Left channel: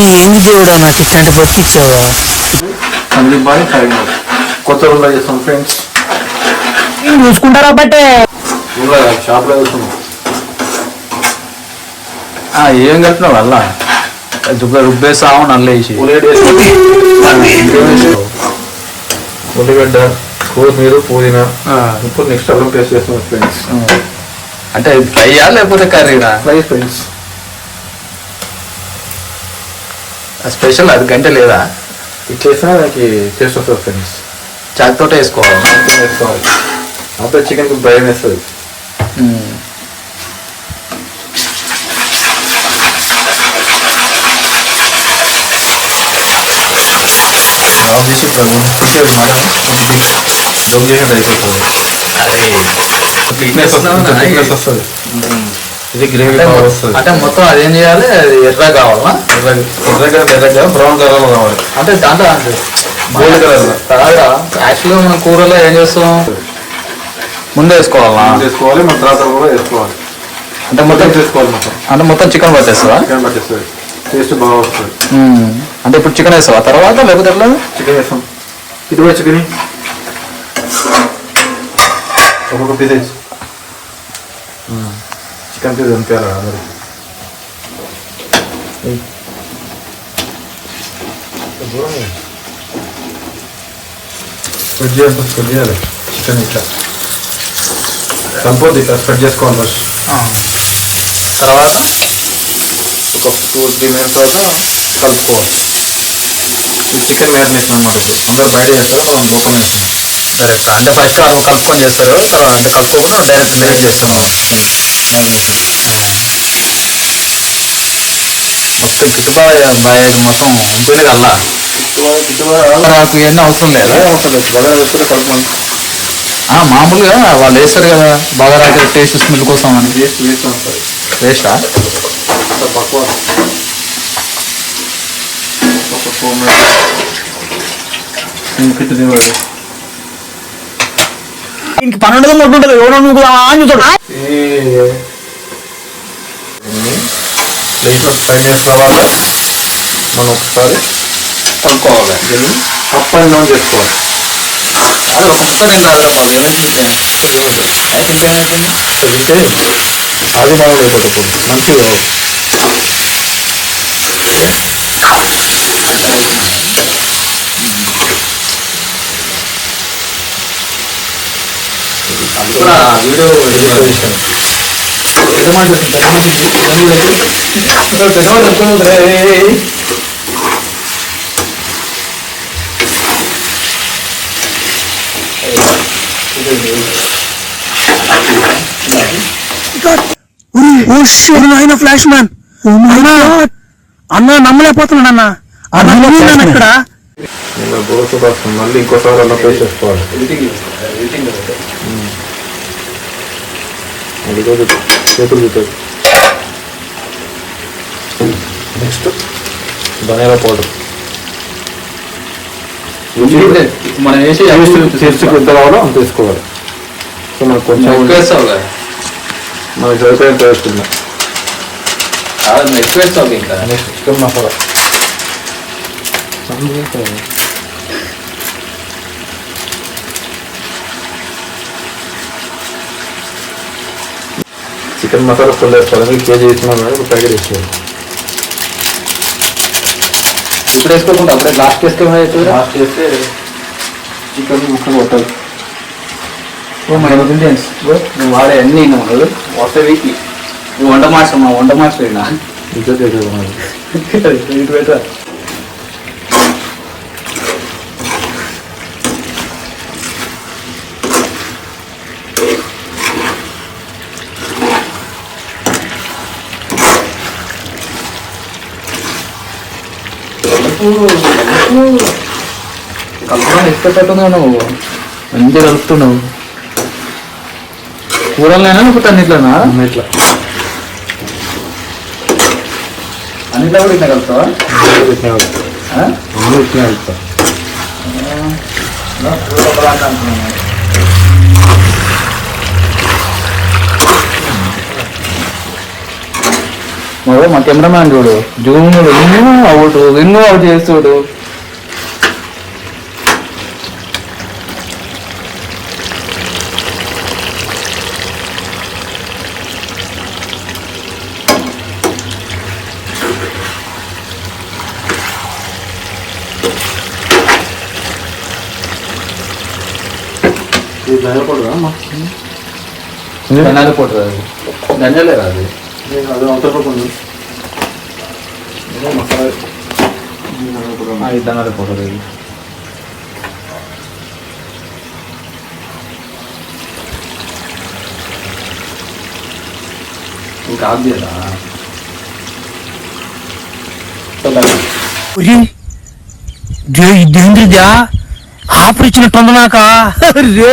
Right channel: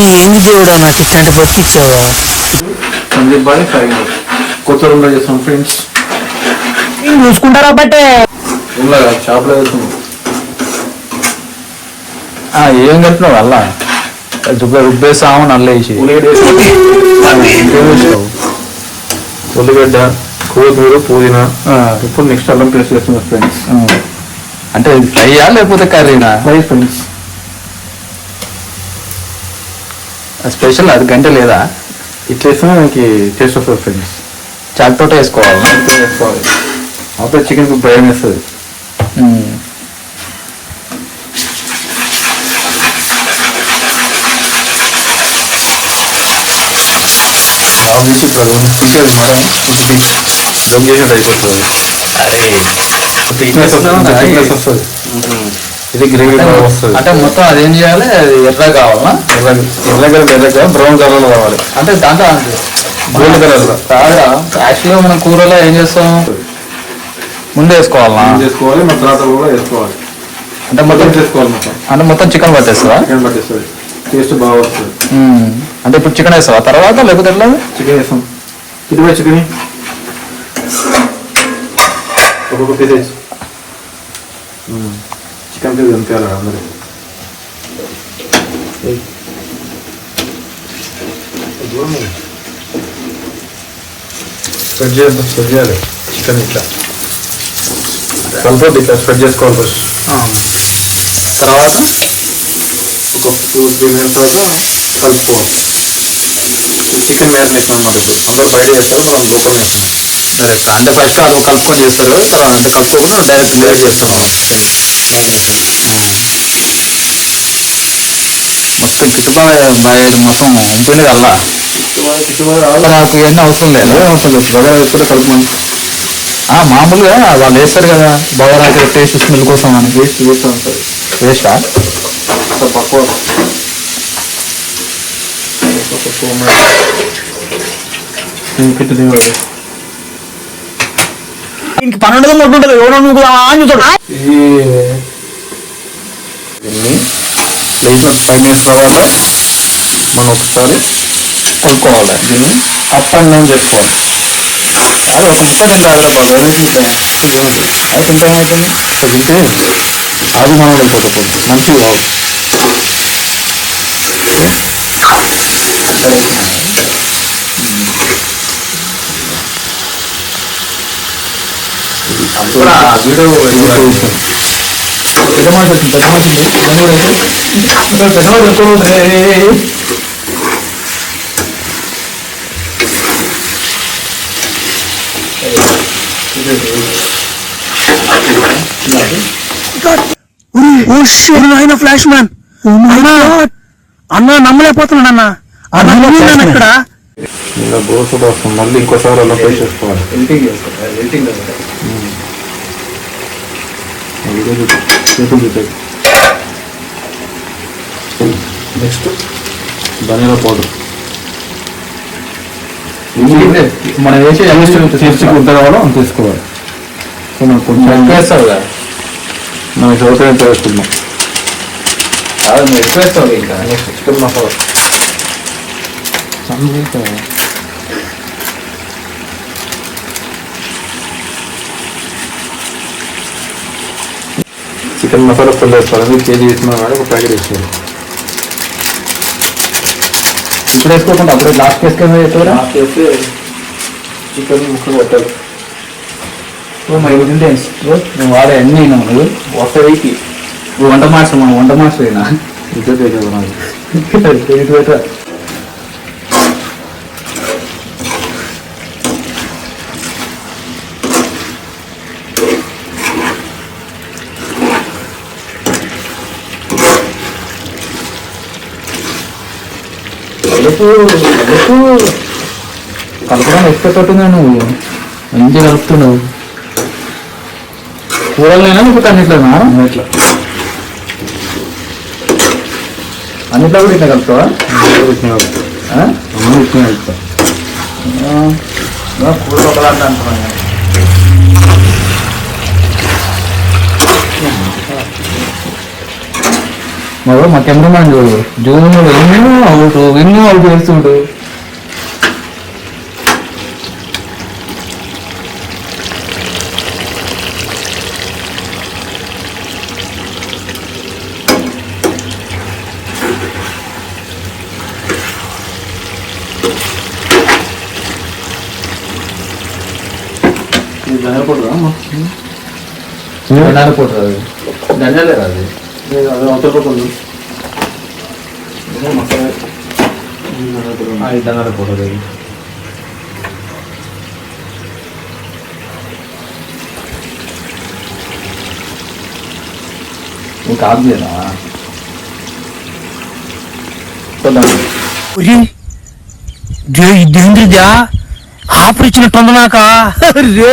ఏంది దేవుడా నాకు ఇట్లాంటి బతికిచ్చావా? సందీప్ బాయ్ సరైన కొత్త రూమ్లో చేస్తాం ఫ్రెండ్స్. చూసుకుంటారా బట్టే రూమ్లో షాప్లో చేస్తున్నాం. ఏం కలిపినావు అలా రుబ్బేసాము నల్లేసి ఉల్లిగడ్డ, కొత్తిమీర, పుదీనా, ఇప్పుడు నెక్స్ట్ అల్లం పేస్ట్ చేస్తున్నాం ఫ్రెండ్స్. అంటే ఫ్రైయా లేకపోతే కర్రీనా? Fry friends. స్పెషల్ అది గంట లేదా? ఇది చేస్తే మనకి టేస్ట్ వస్తుంది ఫ్రెండ్స్. చాకుతో వేసుకోవాలా? వేసుకోవాలి. అప్పుడే చికెన్కి బ్రైన్ వేస్తుంది. అరే వస్తుంది. ఇది గ్రేవీ వస్తుంది. అంటే మొత్తం అదేం చేయాలి? అది ఎర్ర కావాలా? బ్రౌన్ కలర్ కావాలి. అంటే దాంట్లో కాదా యాక్చువల్గా మనం కూరలో ఏం చేస్తాం? ముందు వేసుకోవాలా? వేసుకోవాలి, మన తర్వాత కూడా వేసుకోవాలి. అంటే మొత్తం చేసుకోవాలి. మొత్తం అంటే మొత్తం చికెన్ పట్టేస్తావా? చికెన్ పట్టేస్తుంది. టేస్ట్ బాగా వస్తుంది. అంటే ఇప్పుడు చికెన్ వేస్తావా తర్వాత లేకపోతే ఎట్లా? చికెన్ వేస్తాం. ఇటువై చికెన్ ఒక్కొక్క పీస్ వేసి చికెన్ పీస్ అంతే అందరూ. స్ప్రెడ్ చేయాలి చికెన్ ఇట్లా కలిపి ఇట్లా స్ప్రెడ్ చేసుకోవాలి ఫస్ట్. తర్వాత ఒక 2-3 మినిట్స్ తర్వాత కలుపుకోవాలి. చికెన్ మ్యారినేషన్ అనమాట. ఇప్పుడు అందరూ బయట చేస్తారు, మనం లోపల వేస్తున్నాం డైరెక్ట్. అంటే ఫస్ట్ అది కలుపుకొని చేస్తారు, తర్వాత అంటే కలుపుకోకుండా డైరెక్ట్ లేట్ చేస్తున్నాం మ్యారినేషన్. మొత్తం కిట్టుబాయ్ బాయ్ మొత్తం ఉంపింది కల్లా. నాకు ఇవన్నీ అవసరం లేదా? కలుపు మామూలుగా వాళ్ళు వేస్తారు కదా బాగా రాక టేస్ట్ స్మెల్ కోసం అని. వేస్ట్ వేస్ట్ ఉంటుంది. వేస్టా? పక్కువ ఇంక 12 మొట్టుంటది ఎవరో అని చూస్తాడు. ప్లేట్లో పైన వేసుకోవాలి. మనం ఒకసారి కొనుక్కోవాలి. దీన్ని అప్ అండ్ డౌన్ చేసుకోవాలి. అదే ఒక ముక్క తింటారు తింటే అది మనం అయిపోతుంది. మంచిగా కావాలి. ఫ్లాష్ మ్యాన్ అన్న నమ్మలేకపోతున్నాడు అన్న. అన్న ఇక్కడ ఇలా బోసు వస్తుంది. మళ్ళీ ఇంకోసారి అలా ఫ్రై చేసుకోవాలి. నెక్స్ట్ ధనియాల పౌడర్ మనం వేసి చర్చికి ఎంత కావాలో అంత వేసుకోవాలి. సో మనం కొంచెం వేస్తావు కదా, మనకి సౌకర్యంతో వేసుకుందాం. ఎక్కువ వేస్తావు. ఇంకా next chicken masala chicken masala full వేస్తారు. మీరు కేజీ వేసుకున్నాం కానీ ఒక ప్యాకెట్ వేసుకోవాలి. ఇప్పుడు వేసుకోకుండా అప్పుడే లాస్ట్ వేసుకొని లాస్ట్ వేస్తే చికెన్ ముక్క కొట్టాలి. మై ఇండియన్స్ నేను వాడే అన్నీ వస్తే వెయ్యి వంట మాస్టర్ అయినా ఇదే తెలియదు నాకు. కలపడం ఇష్టపడుతుంది నువ్వు. మంచిగా కలుపుతున్నావు. కూరలైనా లేకపోతే అన్నిట్లోనా? ఇట్లా అన్నిట్లో కూడా ఇట్లా కలుపుతావా? ఇట్లా కలుపుతా. ఎవరో మా కెమెరామ్యాన్ చూడు జూమ్ ఎన్నో అవుట్ చేస్తుడు. ఇది ధనియాపొడి ధనియాల పొడి రాదు, ధనియాలే రాదు. అది అంతర్పడుతుంది మసాలా ఇది ధనియాల పొడి రాదు. నీకు ఆఫ్ చేయనా? ఇదేంద్రిదా ఆఫర్ ఇచ్చినట్టుంది నాక రే